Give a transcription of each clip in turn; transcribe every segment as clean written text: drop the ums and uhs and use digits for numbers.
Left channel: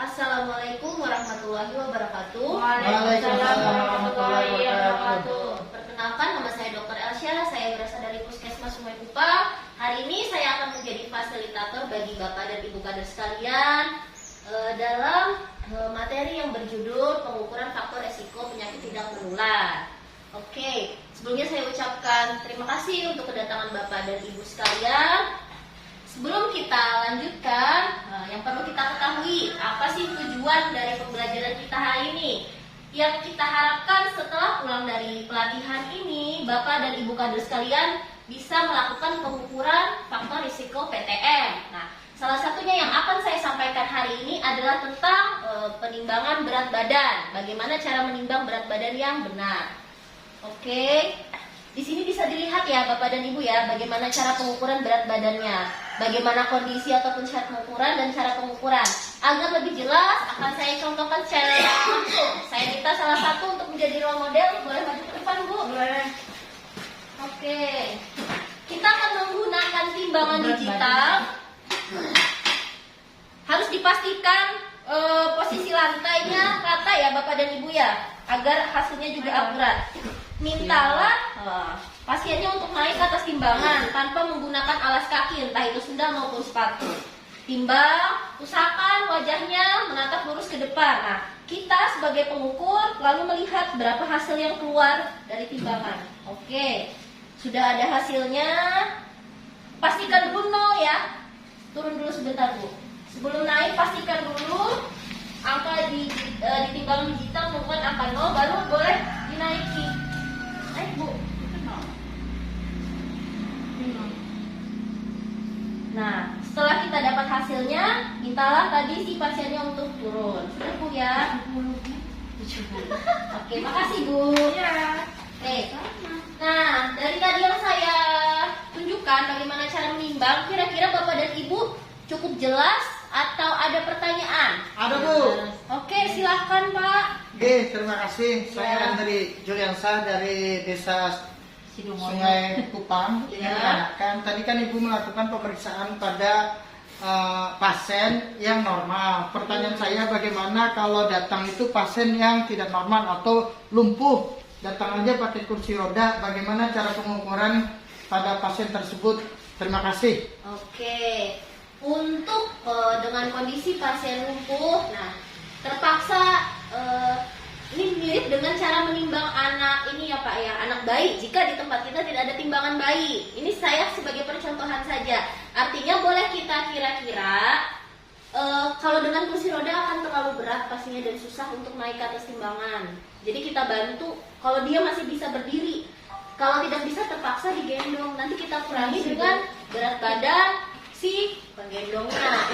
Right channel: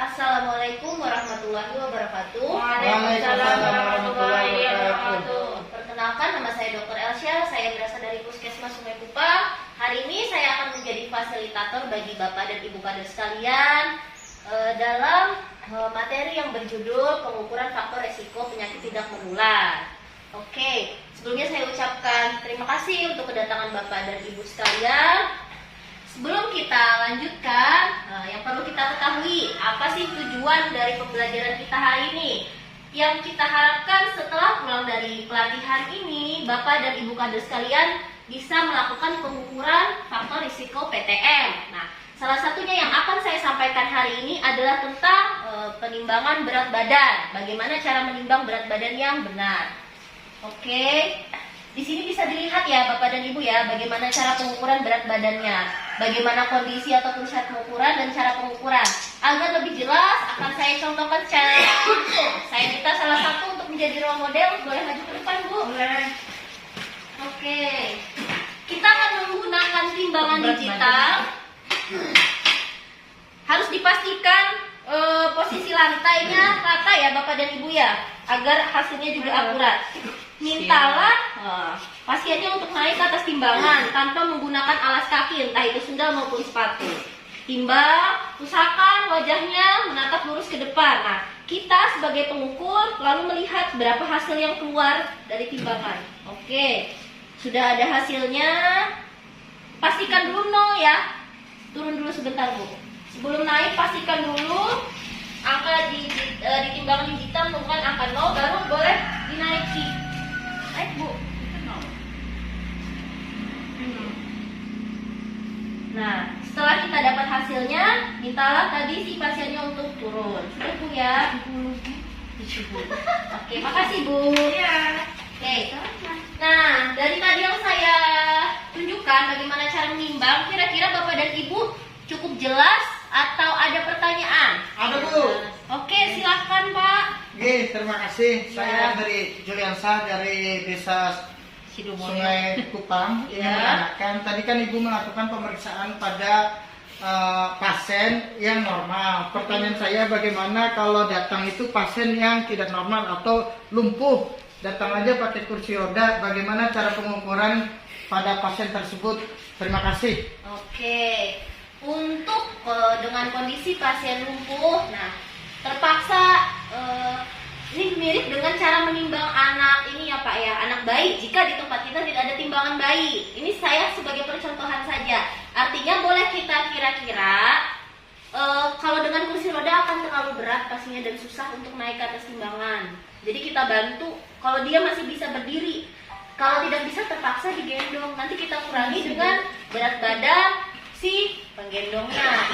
Assalamualaikum warahmatullahi wabarakatuh. Waalaikumsalam warahmatullahi wabarakatuh. Perkenalkan, nama saya Dr. Elsya. Saya berasal dari Puskesmas Sungai Kupang. Hari ini saya akan menjadi fasilitator bagi Bapak dan Ibu kader sekalian dalam materi yang berjudul pengukuran faktor resiko penyakit tidak menular. Oke, sebelumnya saya ucapkan terima kasih untuk kedatangan Bapak dan Ibu sekalian. Sebelum kita lanjutkan, yang perlu kita ketahui, apa sih tujuan dari pembelajaran kita hari ini? Yang kita harapkan setelah pulang dari pelatihan ini, Bapak dan Ibu kader sekalian bisa melakukan pengukuran faktor risiko PTM. Nah, salah satunya yang akan saya sampaikan hari ini adalah tentang penimbangan berat badan. Bagaimana cara menimbang berat badan yang benar? Oke. Di sini bisa dilihat ya Bapak dan Ibu ya, bagaimana cara pengukuran berat badannya, bagaimana kondisi ataupun syarat pengukuran dan cara pengukuran. Agar lebih jelas akan saya contohkan secara langsung. Saya minta salah satu untuk menjadi role model, boleh maju ke depan Bu? Boleh. Oke. Kita akan menggunakan timbangan digital. Harus dipastikan posisi lantainya rata ya Bapak dan Ibu ya, agar hasilnya juga akurat. Mintalah pasiennya untuk naik ke atas timbangan tanpa menggunakan alas kaki, entah itu sendal maupun sepatu. Timbang, usahakan wajahnya menatap lurus ke depan. Nah, kita sebagai pengukur lalu melihat berapa hasil yang keluar dari timbangan. Oke, sudah ada hasilnya. Pastikan dulu 0 ya. Turun dulu sebentar Bu. Sebelum naik pastikan dulu angka ditimbang digital menunjukkan angka 0, baru boleh dinaiki. Naik Bu. Nah, setelah kita dapat hasilnya, mintalah tadi si pasiennya untuk turun. Sudah Bu ya. Oke, makasih Bu. Iya. Oke. Nah, dari tadi yang saya tunjukkan bagaimana cara menimbang, kira-kira Bapak dan Ibu cukup jelas atau ada pertanyaan? Ada Bu. Oke, silahkan Pak. Oke, terima kasih. Saya dari Juliansa dari Desa Sungai Kupang. Ya. Kan tadi kan Ibu melakukan pemeriksaan pada pasien yang normal. Pertanyaan saya bagaimana kalau datang itu pasien yang tidak normal atau lumpuh, datang aja pakai kursi roda, bagaimana cara pengukuran pada pasien tersebut? Terima kasih. Oke. Untuk dengan kondisi pasien lumpuh, nah terpaksa ini mirip dengan cara menimbang anak ini ya Pak ya, anak bayi. Jika di tempat kita tidak ada timbangan bayi, ini saya sebagai percontohan saja. Artinya boleh kita kira-kira kalau dengan kursi roda akan terlalu berat pastinya dan susah untuk naik ke atas timbangan. Jadi kita bantu kalau dia masih bisa berdiri. Kalau tidak bisa terpaksa digendong. Nanti kita kurangi dengan berat badan si penggendongnya.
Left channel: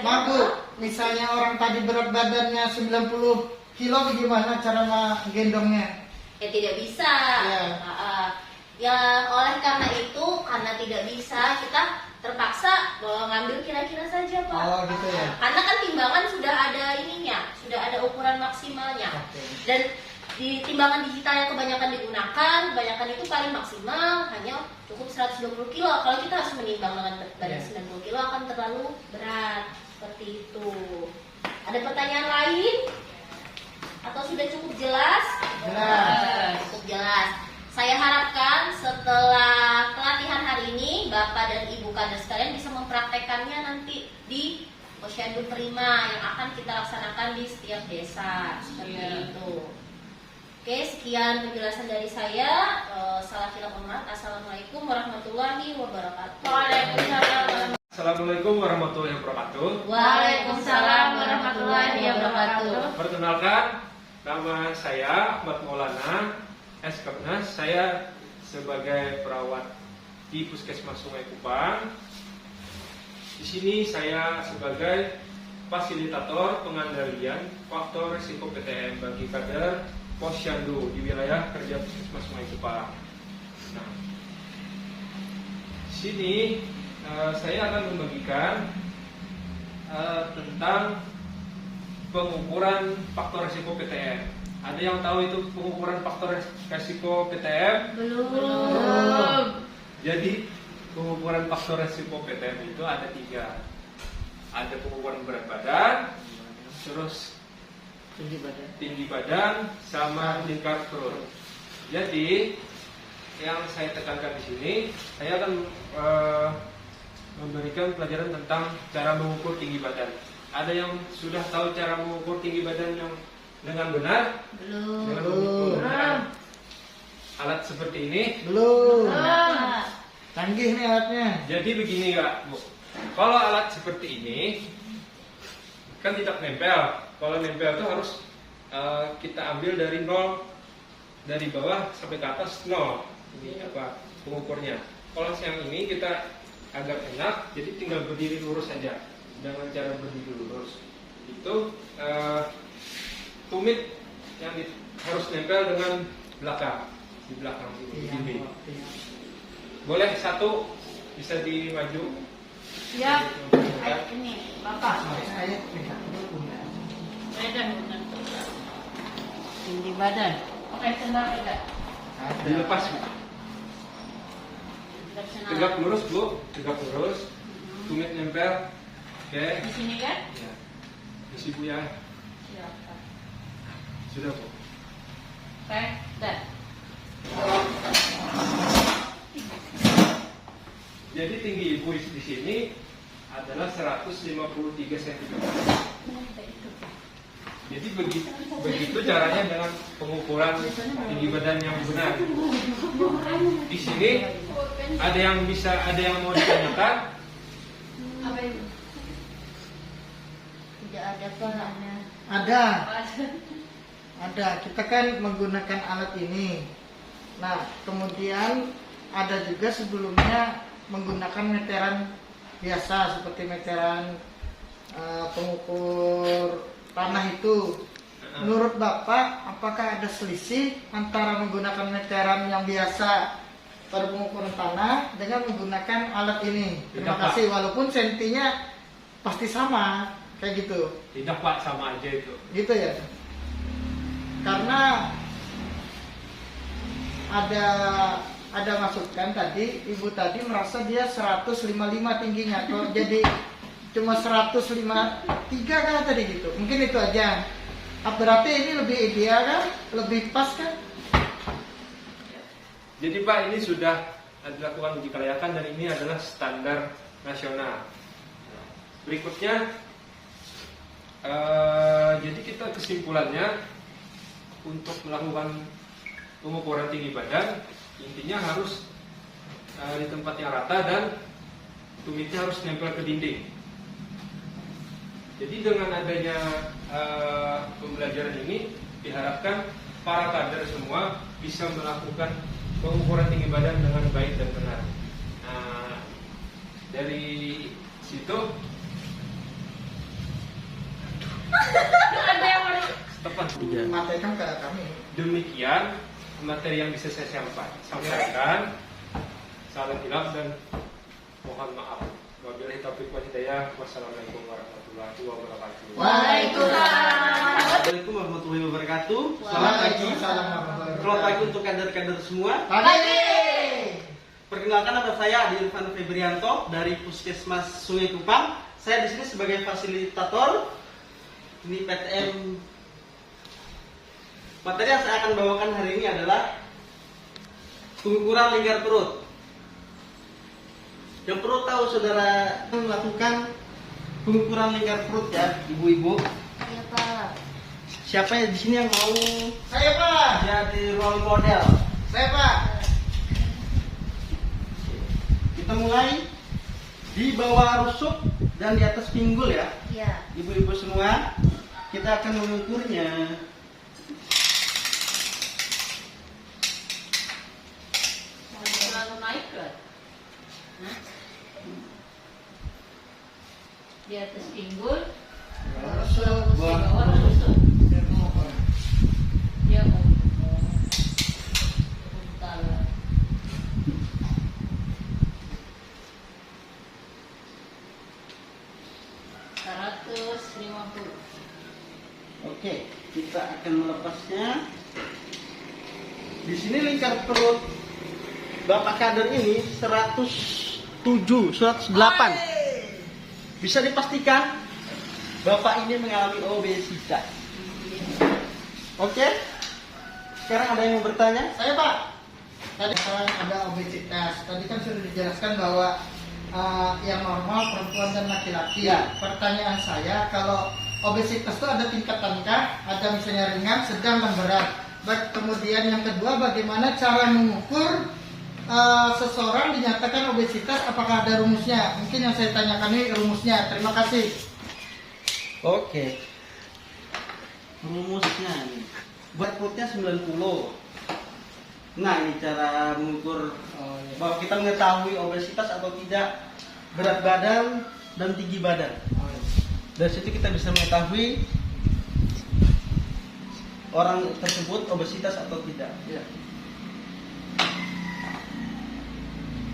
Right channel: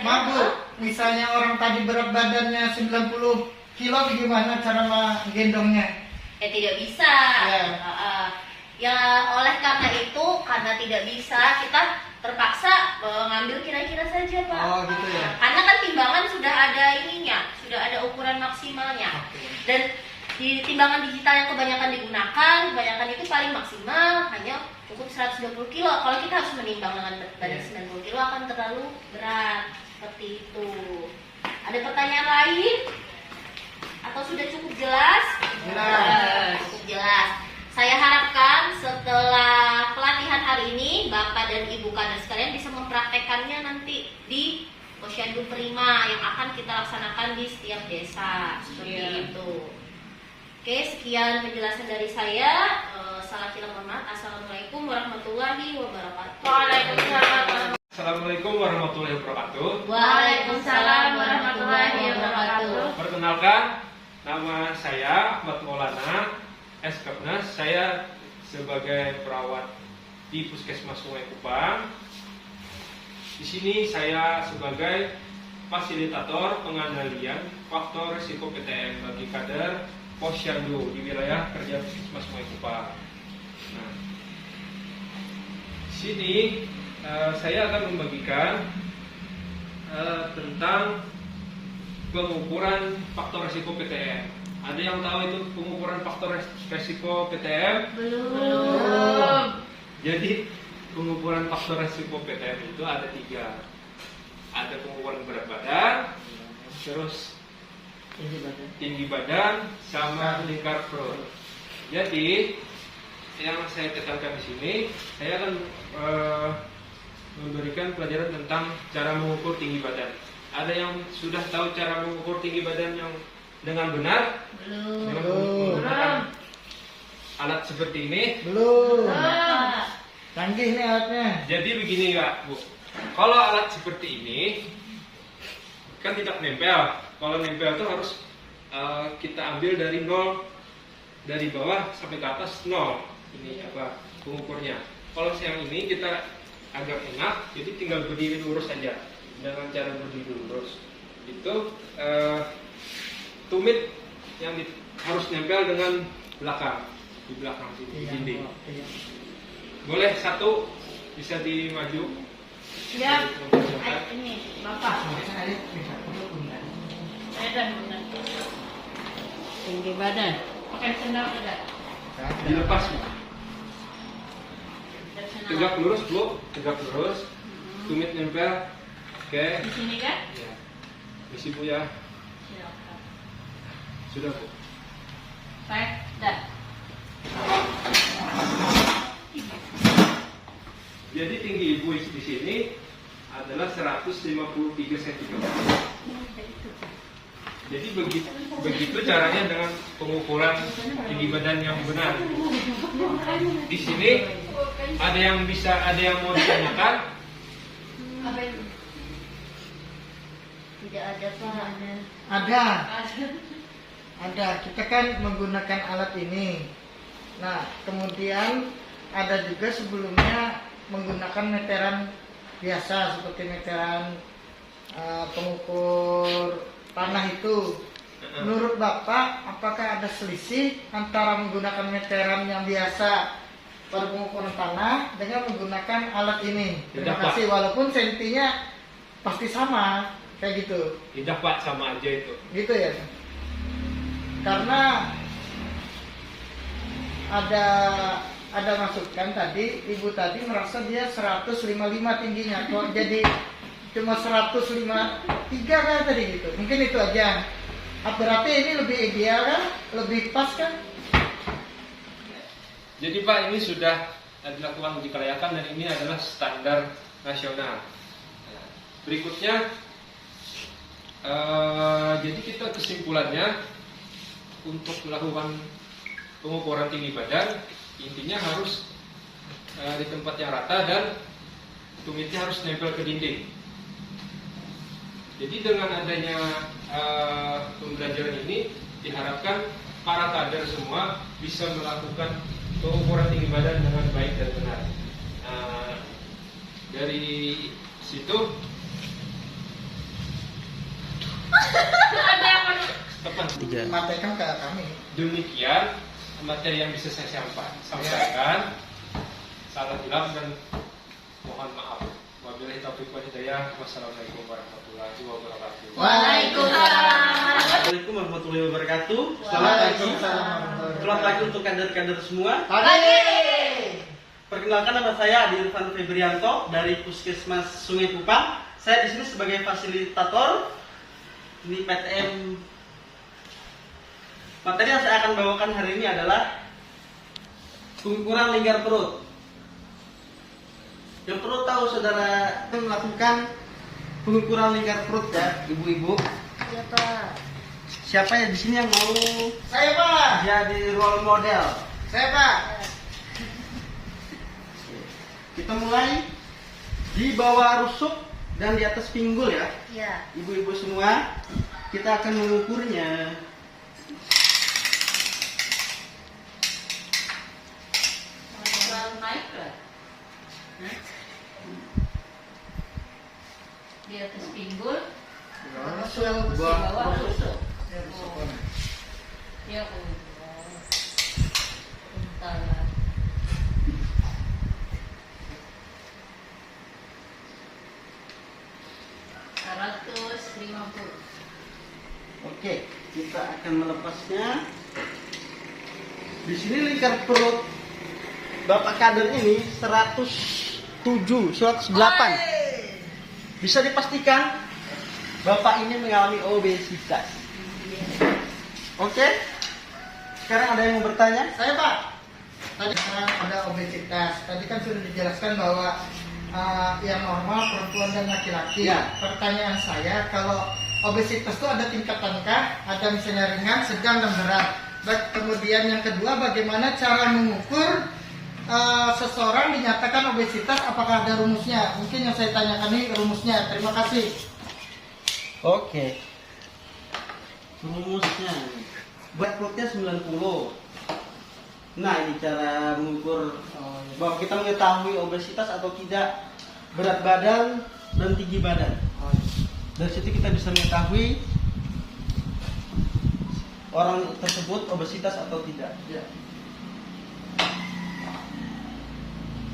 Mabu, misalnya orang tadi berat badannya 90 kilo, bagaimana cara menggendongnya? Ya tidak bisa. Ya oleh karena itu, karena tidak bisa, kita terpaksa mengambil kira-kira saja Pak. Oh gitu ya. Karena kan timbangan sudah ada ininya, sudah ada ukuran maksimalnya. Oke. Dan di timbangan digital yang kebanyakan itu paling maksimal hanya cukup 120 kilo. Kalau kita harus menimbang dengan badan 90 kilo akan terlalu berat. Seperti itu. Ada pertanyaan lain? Atau sudah cukup jelas? Jelas. Cukup jelas. Saya harapkan setelah pelatihan hari ini Bapak dan Ibu kader sekalian bisa mempraktekannya nanti di Posyandu Prima yang akan kita laksanakan di setiap desa. Seperti itu. Oke, sekian penjelasan dari saya. Salah kira mohon maaf. Assalamualaikum warahmatullahi wabarakatuh. Waalaikumsalam. Assalamualaikum warahmatullahi wabarakatuh. Waalaikumsalam warahmatullahi wabarakatuh. Perkenalkan, nama saya Ahmad Maulana SKPNAS. Saya sebagai perawat di Puskesmas Sungai Kupang. Di sini saya sebagai fasilitator pengendalian faktor risiko PTM bagi kader Posyandu di wilayah kerja Puskesmas Sungai Kupang. Nah, di sini saya akan membagikan tentang pengukuran faktor risiko PTM. Ada yang tahu itu pengukuran faktor risiko PTM? Belum. Jadi pengukuran faktor risiko PTM itu ada 3. Ada pengukuran berat badan, terus tinggi badan. tinggi badan sama lingkar perut. Jadi yang saya tekankan di sini, saya akan memberikan pelajaran tentang cara mengukur tinggi badan. Ada yang sudah tahu cara mengukur tinggi badan yang dengan benar? Belum. Dengan Belum. menggunakan alat seperti ini. Belum. Ah. Canggih nih alatnya. Jadi begini Kak, Bu. Kalau alat seperti ini kan tidak nempel. Kalau nempel itu harus kita ambil dari nol, dari bawah sampai ke atas nol. Ini apa pengukurnya. Kalau yang ini kita agak enak, jadi tinggal berdiri lurus saja. Dengan cara berdiri lurus itu tumit yang harus nempel dengan belakang, di belakang sini, di dinding. Iya. Boleh satu bisa dimaju. Ya, ini Bapak. Saya lihat dulu. Badan benar. Tinggi badan. Pakai sendal enggak? Dilepas Bu. Tegak lurus Bu, tegak lurus. Tumit nempel. Oke. Di sini kan? Ya. Isi Bu ya. Silakan. Sudah Bu. Baik, dah. Jadi tinggi ibu di sini adalah 153 cm. Jadi begitu caranya dengan pengukuran tinggi badan yang benar. Di sini ada yang mau ditanyakan? Apa itu? Tidak ada Pak. Ada. Kita kan menggunakan alat ini. Nah, kemudian ada juga sebelumnya menggunakan meteran biasa seperti meteran pengukur tanah itu. Menurut Bapak, apakah ada selisih antara menggunakan meteran yang biasa pada pengukuran tanah dengan menggunakan alat ini? Terima Tidak, Pak. kasih. Walaupun sentinya pasti sama, kayak gitu. Tidak Pak, sama aja itu. Gitu ya. Karena ada masukan tadi, ibu tadi merasa dia 155 tingginya, kok jadi cuma 153 kan tadi gitu. Mungkin itu aja. Berarti ini lebih ideal kan? Lebih pas kan? Jadi Pak, ini sudah dilakukan uji kelayakan dan ini adalah standar nasional. Berikutnya, jadi kita kesimpulannya untuk melakukan pengukuran tinggi badan, intinya harus di tempat yang rata dan tumitnya harus nempel ke dinding. Jadi dengan adanya pembelajaran ini diharapkan para kader semua bisa melakukan pengukuran tinggi badan dengan baik dan benar. Dari situ Sampaikan ke kami. demikian materi yang bisa saya sampaikan. Salam hilaf dan mohon maaf. Wabillahi taufiq wal hidayah. Wassalamualaikum warahmatullahi wabarakatuh. Waalaikumsalam. Assalamualaikum warahmatullahi wabarakatuh. Selamat pagi. Selamat pagi untuk kader-kader semua. Pagi. Perkenalkan, nama saya Adi Irfan Febrianto dari Puskesmas Sungai Kupang. Saya di sini sebagai fasilitator. Ini PTM. Materi yang saya akan bawakan hari ini adalah pengukuran lingkar perut. Yang perlu tahu saudara melakukan pengukuran lingkar perut ya, ibu-ibu. Iya Pak. Siapa ya di sini yang mau Saya Pak. jadi role model? Saya Pak. Kita mulai di bawah rusuk dan di atas pinggul ya. Iya. Ibu-ibu semua, kita akan mengukurnya. Selalu naik ke? Di atas pinggul. Rusuk, Di bawah rusuk. Ya. Bentar. 150. Oke, kita akan melepasnya. Di sini lingkar perut Bapak kader ini 107, 108. Bisa dipastikan Bapak ini mengalami obesitas. Oke? Sekarang ada yang mau bertanya? Saya Pak, tadi kan ada obesitas. Tadi kan sudah dijelaskan bahwa yang normal perempuan dan laki-laki. Ya. Pertanyaan saya, kalau obesitas itu ada tingkatankah? Ada misalnya ringan, sedang, dan berat. Baik, kemudian yang kedua, bagaimana cara mengukur seseorang dinyatakan obesitas? Apakah ada rumusnya? Mungkin yang saya tanyakan ini rumusnya. Terima kasih. Oke. Rumusnya ini. Buat perutnya 90. Nah, ini cara mengukur bahwa kita mengetahui obesitas atau tidak, berat badan dan tinggi badan. Dari situ kita bisa mengetahui orang tersebut obesitas atau tidak. Ya.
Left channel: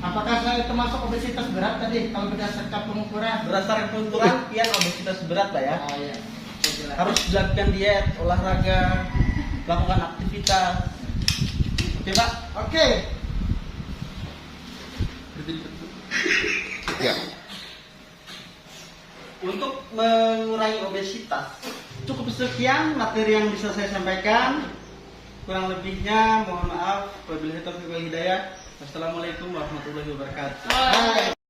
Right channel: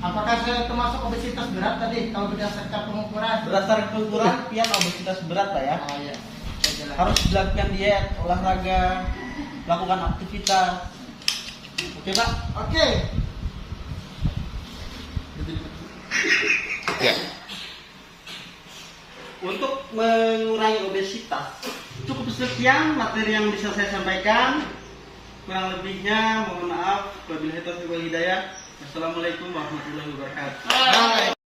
Apakah saya termasuk obesitas berat tadi kalau berdasarkan pengukuran? Berdasarkan pengukuran, pian obesitas berat Pak ya. Oh iya. Harus dilakukan diet, olahraga, lakukan aktivitas. Oke Pak? Oke. Ya. Untuk mengurangi obesitas, cukup sekian materi yang bisa saya sampaikan. Kurang lebihnya mohon maaf. Wabillahi taufiq wal hidayah. Assalamualaikum warahmatullahi wabarakatuh. Bye.